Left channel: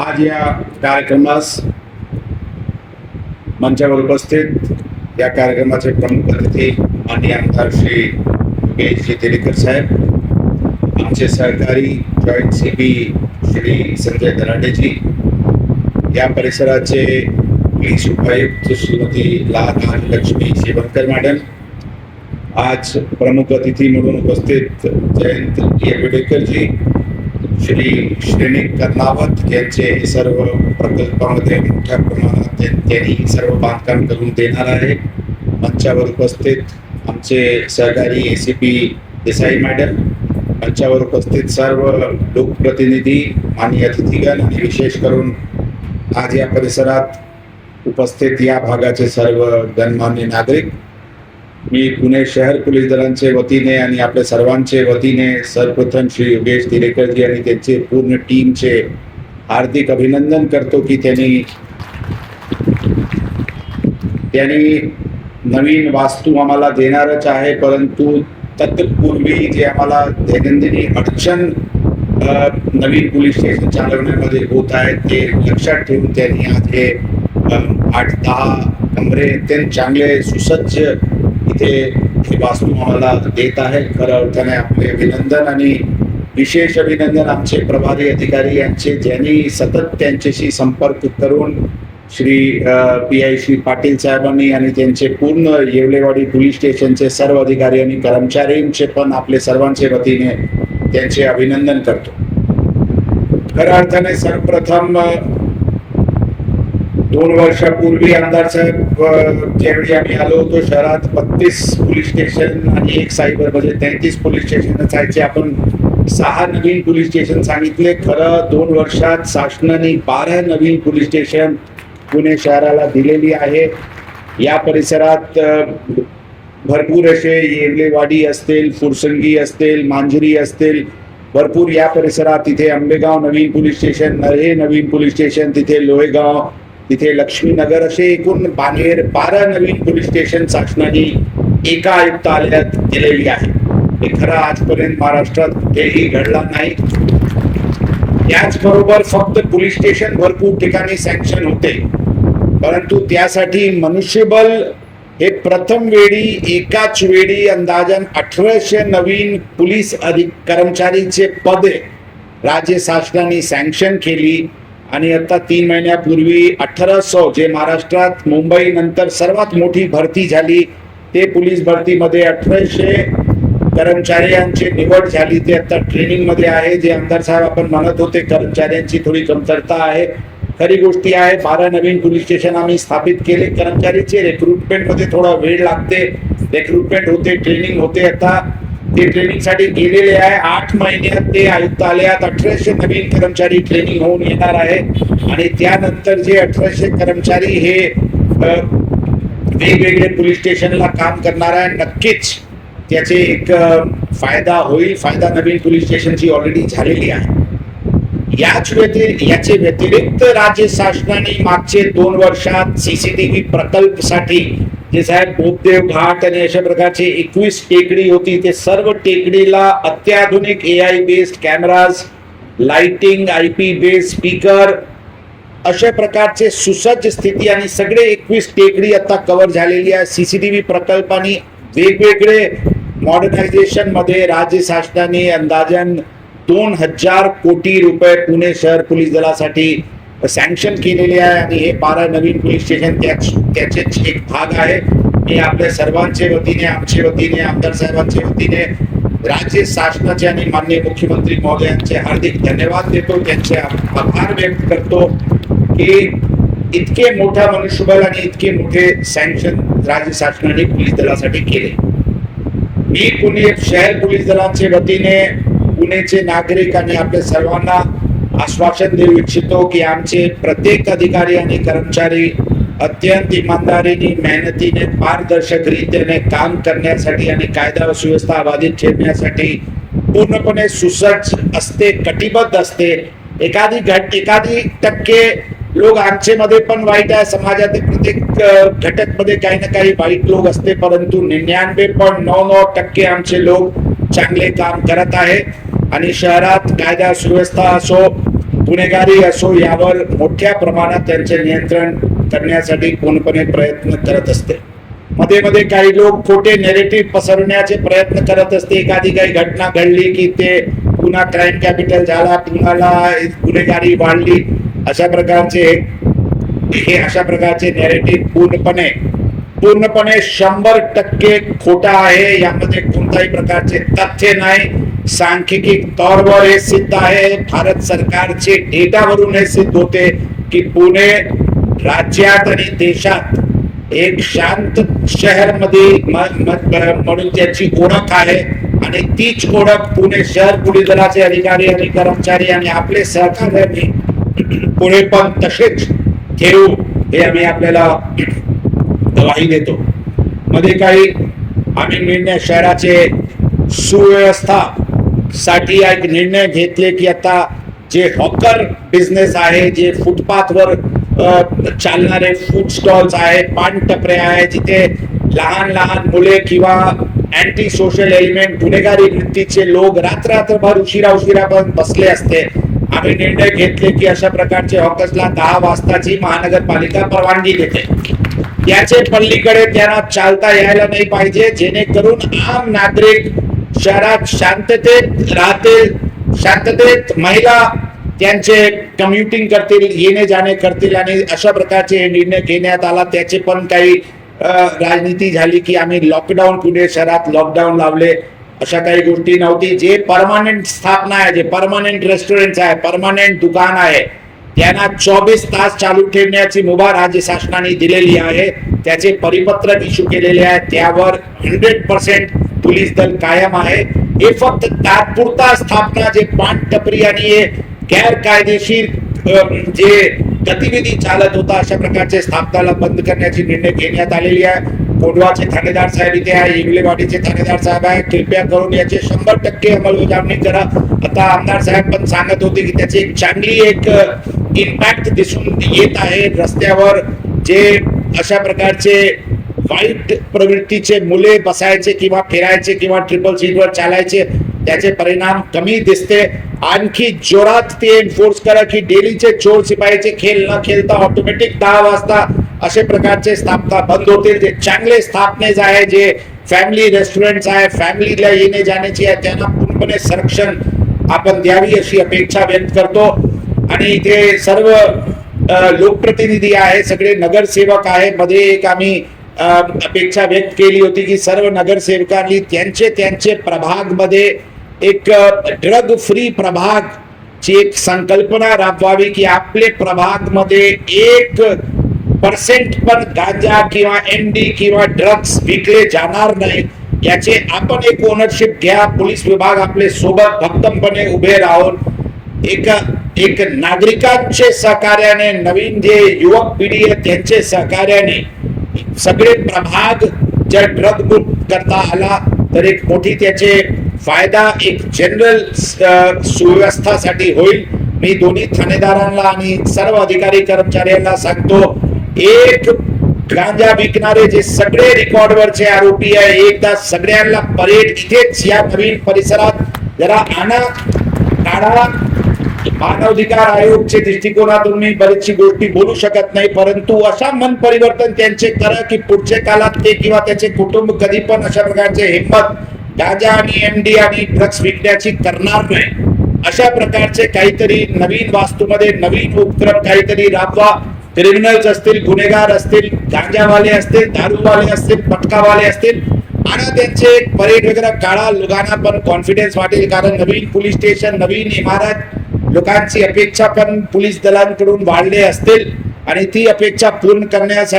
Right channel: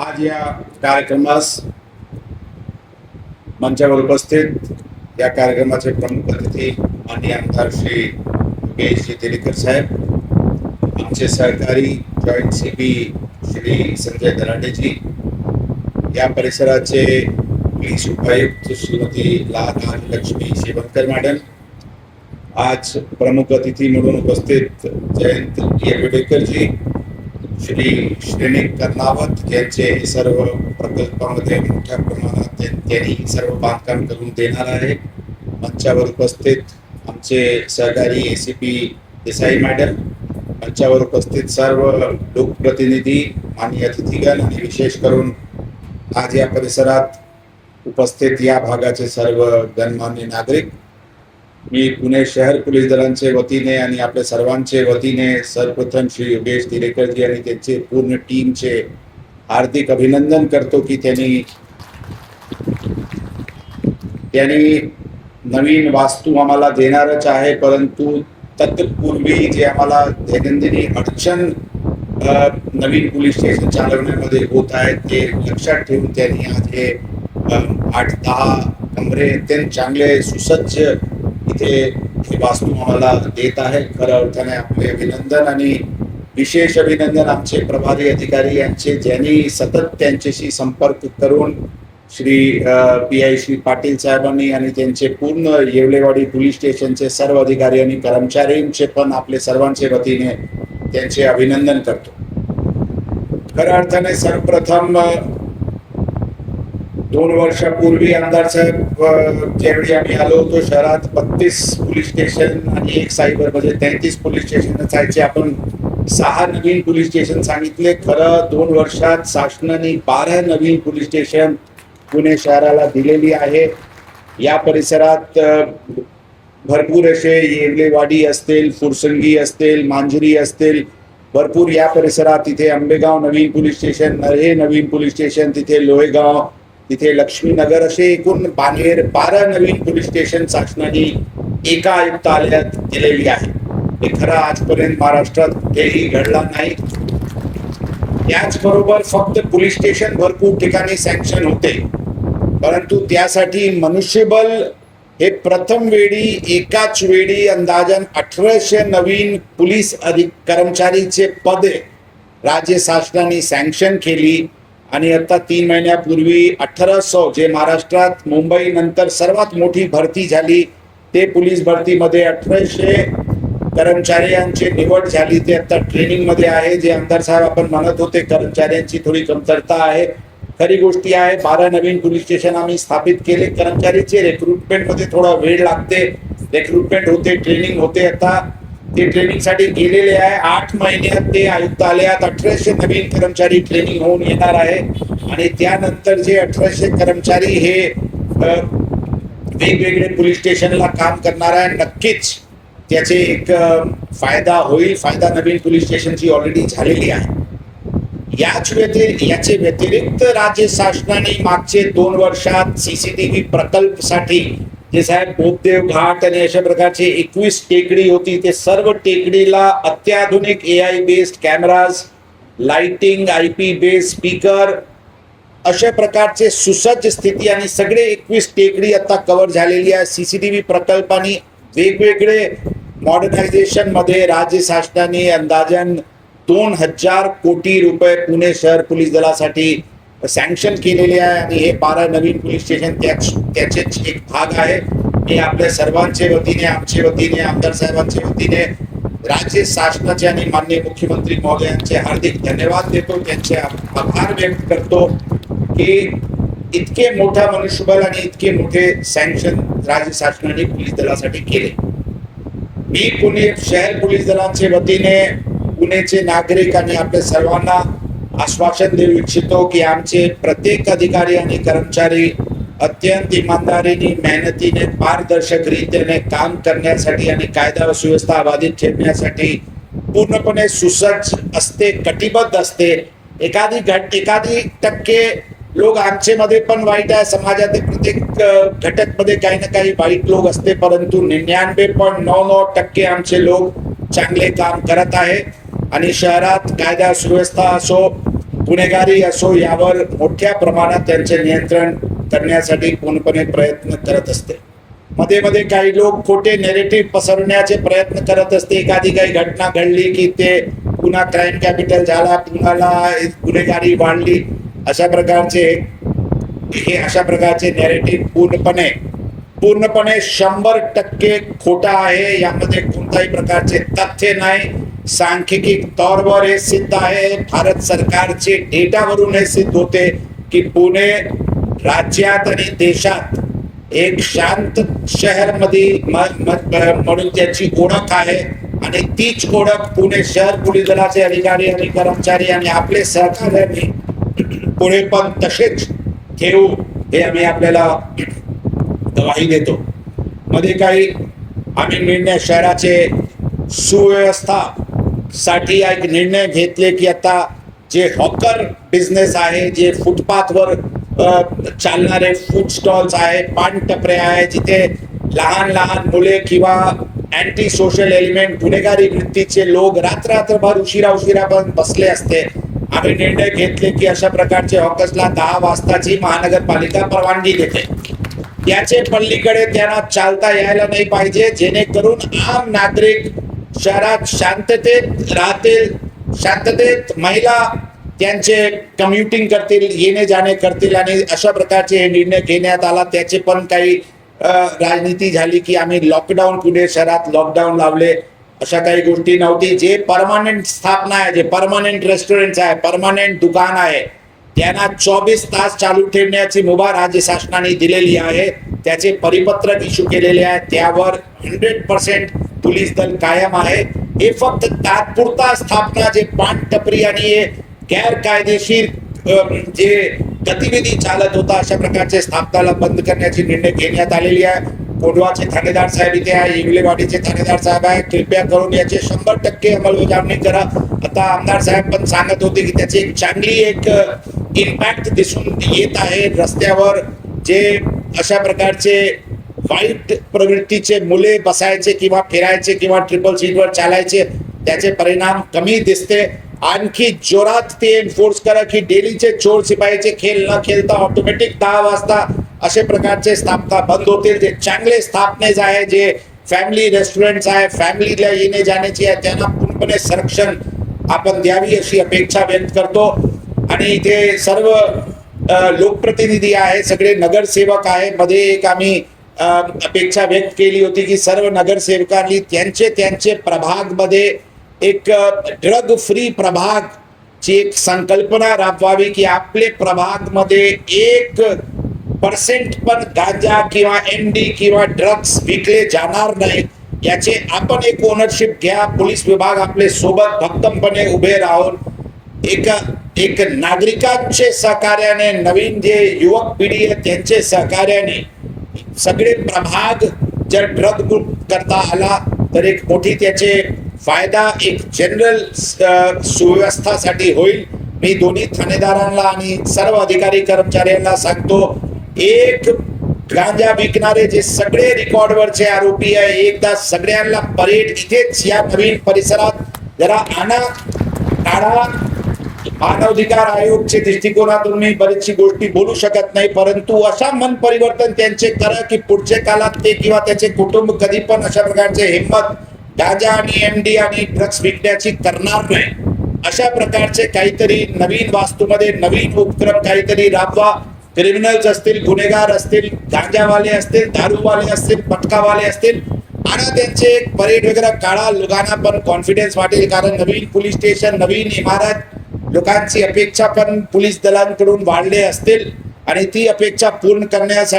आज या कार्यक्रमास मंचावर उपस्थित या कार्यक्रमाचे प्रमुख अतिथी माननीय आमदार श्री योगेश तेरेकर साहेब, आमचे सहकारी जॉईंट सीपी श्री संजय दराडेजी, या परिसराचे पोलीस उपायुक्त श्रीमती लक्ष्मी शिवनकर मॅडम, आज प्रमुख अतिथी म्हणून उपस्थित जयंत येवडेकरजी, श्री श्रेणी कर्नावत यांचे सर्व प्रकल्पामध्ये मोठ्या प्रमाणात त्यांनी सर्व बांधकाम करून देणार आहे. मंचावर उपस्थित आमचे सहकारी एसीपी देसाई मॅडम, मंचावर उपस्थित सर्व लोकप्रतिनिधी, माननीय अतिथीगण आणि विशेष करून आज या परिसरात उपस्थित या भागाचे सर्व गणमान्य नागरिक, मी पुणे शहर पोलीस दलांचे वतीने आणि आपल्या सर्वांचे वतीने सर्वप्रथम श्री योगेश तेरेकरजी आणि त्यांचे पूर्ण टीमचे हार्दिक अभिनंदन करतो की त्यांनी नवीन वास्तू आम्हाला देणारच आहे, परंतु तत्पूर्वी जे आम्हाला दैनंदिनी अडचण नवीन पोलीस स्टेशन चालवण्यामध्ये होत आहे ते लक्षात ठेवून त्यांनी आज हे 8-10 कमरे अत्यंत चांगले सुसज्ज इथे हे वास्तू आम्हाला देत आहे. खऱ्या अर्थाने आपले अभिनंदन आणि विशेष अभिनंदन आमचे प्रभारी अधिकारी यांचे, ज्यांनी सतत त्यांच्याशी संपर्क करून श्री PI श्री पाटील साहेबांनी आणि त्यांचे पूर्ण येवलेवाडी पोलीस स्टेशनचे सर्व अधिकारी आणि कर्मचाऱ्यांचे पण आपले सर्वांचे वतीने त्यांचे अभिनंदन करतो. खऱ्या अर्थाने सर्वप्रथम 2 वर्षापूर्वी आमदार साहेब ज्यावेळी आम्ही आलो होतो शहरात 32 पोलीस स्टेशन आणि 1 सायबर म्हणजे 33 पोलीस स्टेशन असायचे. आपण 6 नवीन पोलीस स्टेशन सांगितले. खरं 2 वर्षात शासनाने 12 नवीन पोलीस स्टेशन पुणे शहराला दिलेली आहे. या परिसरात भरपूर असे येवलेवाडी असतील, फुरसंगी असतील, मांजरी असतील, भरपूर या परिसरात तिथे आंबेगाव नवीन पोलीस स्टेशन, नरहे नवीन पोलीस स्टेशन, तिथे लोहेगाव, तिथे लक्ष्मीनगर, असे एकूण 12 नवीन पोलीस स्टेशन शासनाने एका आयुक्तालयात दिलेली आहे. हे खरं आजपर्यंत महाराष्ट्रात कुठेही घडला नाही. याचबरोबर फक्त पोलीस स्टेशन भरपूर ठिकाणी सँक्शन होते, परंतु त्यासाठी मनुष्यबळ हे प्रथम वेळी एकाच वेळी अंदाजन 1800 नवीन पोलीस कर्मचारीचे पदे राज्य शासनाने सँक्शन केली आणि आता 3 महिन्यापूर्वी 1800 जे महाराष्ट्रात मुंबई नंतर सर्वात मोठी भरती झाली ते पोलीस भरतीमध्ये 1800 कर्मचाऱ्यांची निवड झाली. ते आता ट्रेनिंग मध्ये आहे. जे आमदार साहेब आपण म्हणत होते कर्मचाऱ्यांची थोडी कमतरता आहे, खरी गोष्टी आहे. 12 नवीन पोलीस स्टेशन आम्ही स्थापित केले. कर्मचारीचे रिक्रुटमेंट मध्ये थोडा वेळ लागते, रिक्रुटमेंट होते, ट्रेनिंग होते. आता ते ट्रेनिंगसाठी गेलेले आहे. 8 महिन्यात ते आयुक्तालयात 1800 नवीन कर्मचारी ट्रेनिंग होऊन येणार आहे आणि त्यानंतर जे 1800 कर्मचारी हे वेगवेगळे पोलीस स्टेशनला काम करणार आहे. नक्कीच त्याचे एक फायदा होईल. फायदा नवीन पोलीस स्टेशनची ऑलरेडी झालेली आहे. याचे व्यतिरिक्त राज्य शासनाने मागचे 2 वर्षात CCTV प्रकल्पसाठी जे साहेब बोधदेव घाट आणि अशा प्रकारचे 21 टेकडी होती, ते सर्व टेकडीला अत्याधुनिक AI based cameras, lighting, IP based speaker, अशा प्रकारचे सुसज्ज स्थिती आणि सगळे 21 टेकडी आता कव्हर झालेली आहे. CCTV प्रकल्पाने वेगवेगळे मॉडर्नायझेशन मध्ये राज्य शासनाने अंदाजन 2000 कोटी रुपये पुणे शहर पोलीस दलासाठी सँक्शन केलेले आहे आणि हे 12 नवीन पोलीस स्टेशन त्याचे एक भाग आहे. मी आपल्या सर्वांचे वतीने, आमच्या वतीने, आमदार साहेबांच्या वतीने राज्य शासनाचे आणि माननीय मुख्यमंत्री महोदयांचे हार्दिक धन्यवाद देतो, त्यांचे आभार व्यक्त करतो की इतके मोठा मनुष्यबळ आणि इतके मोठे सँक्शन राज्य शासनाने पोलीस दलासाठी केले. मी पुणे शहर पोलीस दलांच्या वतीने पुणेचे नागरिक आणि आपल्या सर्वांना आश्वासन देऊ इच्छितो की आमचे प्रत्येक अधिकारी आणि कर्मचारी अत्यंत इमानदारीने, मेहनतीने, पारदर्शक रीतीने काम करण्यासाठी आणि कायदा व सुव्यवस्था बाधित ठेवण्यासाठी पूर्णपणे सुसज्ज असते, कटिबद्ध असते. एखादी टक्के लोक आमचे मध्ये पण वाईट आहे. समाजातील प्रत्येक घटक मध्ये काही ना काही वाईट लोक असते, परंतु 99.99% आमचे लोक चांगले काम करत आहे आणि शहरात कायदा सुव्यवस्था असो, गुन्हेगारी असो यावर मोठ्या प्रमाणात त्यांचे नियंत्रण करण्यासाठी पूर्णपणे प्रयत्न करत असते. मध्ये मध्ये काही लोक खोटे नेरेटिव्ह पसरवण्याचे प्रयत्न करत असते. एखादी काही घटना घडली की ते पुन्हा क्राईम कॅपिटल झाला, पुन्हा गुन्हेगारी वाढली, अशा प्रकारचे नेरेटिव्ह पूर्णपणे 100% खोटा आहे. यामध्ये कोणत्याही प्रकारचे तथ्य नाही. सांख्यिकी तौरवर हे सिद्ध आहे. भारत सरकारचे डेटावरून हे सिद्ध होते की पुणे राज्यात आणि देशात एक शांत शहर मध्ये म्हणून त्याची ओळख आहे. आणि तीच ओळख पुणे शहर पोलीस दलाचे अधिकारी आणि कर्मचारी आणि आपले सहकार्यांनी पुणे पण तसेच ठेवू हे आम्ही आपल्याला गवाही देतो. मध्ये काही आम्ही निर्णय शहराचे सुव्यवस्था साठी एक निर्णय घेतले की आता जे हॉकर बिझनेस आहे, जे फुटपाथवर चालणारे फूड स्टॉल्स आहे, पान टपऱ्या आहे, जिथे लहान लहान मुले किंवा अँटी सोशल एलिमेंट गुन्हेगारी वृत्तीचे लोक रात्रभर उशिरा पण बसले असते. आम्ही निर्णय घेतले की अशा प्रकारचे हॉकर्सला 10 वाजताची महानगरपालिका परवानगी देते. याचे पलीकडे त्यांना चालता यायला नाही पाहिजे, जेणेकरून आम नागरिक शहरात शांततेत राहतील, शांततेत महिला त्यांचे कम्युटिंग करतील, येणे जाणे करतील. आणि अशा प्रकारचे निर्णय घेण्यात आला. त्याचे पण काही राजनीती झाली की आम्ही लॉकडाऊन, पुणे शहरात लॉकडाऊन लावले. अशा काही गोष्टी नव्हती. जे परमानंट स्थापना आहे, जे परमानंट रेस्टॉरंट आहे, परमानंट दुकान आहे, त्यांना 24 तास चालू ठेवण्याची मुभा राज्य शासनाने दिलेली आहे. त्याचे परिपत्रक इश्यू केलेले आहे. त्यावर 100% पोलीस दल कायम आहे. हे फक्त तात्पुरता स्थापना, जे पान टपरी आणि गैरकायदेशीर जे गतिविधी चालत होता, अशा प्रकारचे स्थापनाला बंद करण्याची निर्णय घेण्यात आलेली आहे. कोंढवाचे थानेदार साहेब इथे आहे, इंगलेवाडीचे थानेदार साहेब आहे. कृपया करून याचे 100% अंमलबजावणी करा. आता आमदार साहेब पण सांगत होते की त्याची एक चांगली इम्पॅक्ट दिसून येत आहे. रस्त्यावर जे अशा प्रकारचे वाईट प्रवृत्तीचे मुले बसायचे किंवा फिरायचे किंवा ट्रिपल सीटवर चालायचे, त्याचे परिणाम कमी दिसते. आणखी जोरात ते एन्फोर्स करा की डेलीचे चोर सिपाहीचे खेळ न खेळता ऑटोमॅटिक 10 वाजता असे प्रकारचे स्थापना बंद होतील. जे चांगले स्थापनेज आहे, जे फॅमिली रेस्टॉरंट आहे, फॅमिलीला येणे जाण्याची आहे, त्यांना पूर्णपणे संरक्षण आपण द्यावी अशी अपेक्षा व्यक्त करतो. आणि इथे सर्व लोकप्रतिनिधी आहे, सगळे नगरसेवक आहे. मध्ये एक आम्ही अपेक्षा व्यक्त केली होती की सर्व नगरसेवकांनी त्यांचे प्रभाग मध्ये एक ड्रग फ्री प्रभाग ची एक संकल्पना राबवावी की आपले प्रभाग मध्ये 1% पण गांजा किंवा एमडी किंवा ड्रग्स विकले जाणार नाही. याचे आपण एक ओनरशिप घ्या. पोलीस विभाग आपले सोबत भक्कमपणे उभे राहून एक नागरिकांचे सहकार्याने, नवीन जे युवक पिढी आहे त्यांचे सहकार्याने सगळे प्रभाग जर ड्रग मुक्त करता आला तर एक मोठी त्याचे फायदा एक जनरल सुव्यवस्थासाठी होईल. मी दोन्ही थानेदारांना आणि सर्व अधिकारी कर्मचाऱ्यांना सांगतो, एक गांजा विकणारे जे सगळे रेकॉर्डवरचे आरोपी आहे, एकदा सगळ्यांना परेड इथेच या नवीन परिसरात जरा काढा. मानवाधिकार आयोगचे दृष्टिकोनातून मी बरीचशी गोष्टी बोलू शकत नाही, परंतु अशा मन परिवर्तन त्यांचे करा की पुढच्या काळात ते किंवा त्याचे कुटुंब कधी पण अशा प्रकारचे हिंमत गांजा आणि एमडी आणि ड्रग्स विकण्याची करणार नाही. अशा प्रकारचे काहीतरी नवीन वास्तूमध्ये नवीन उपक्रम काहीतरी राबवा. क्रिमिनल्स असतील, गुन्हेगार असतील, गांजावाले असतील, दारूवाले असतील, पटकावाले असतील, आणि त्यांचे परेड वगैरे काढा. लोकांना पण कॉन्फिडन्स वाटेल, कारण नवीन पोलीस स्टेशन, नवीन इमारत, लोकांची अपेक्षा पण पोलीस दलांकडून वाढले असतील आणि ती अपेक्षा पूर्ण करण्यासाठी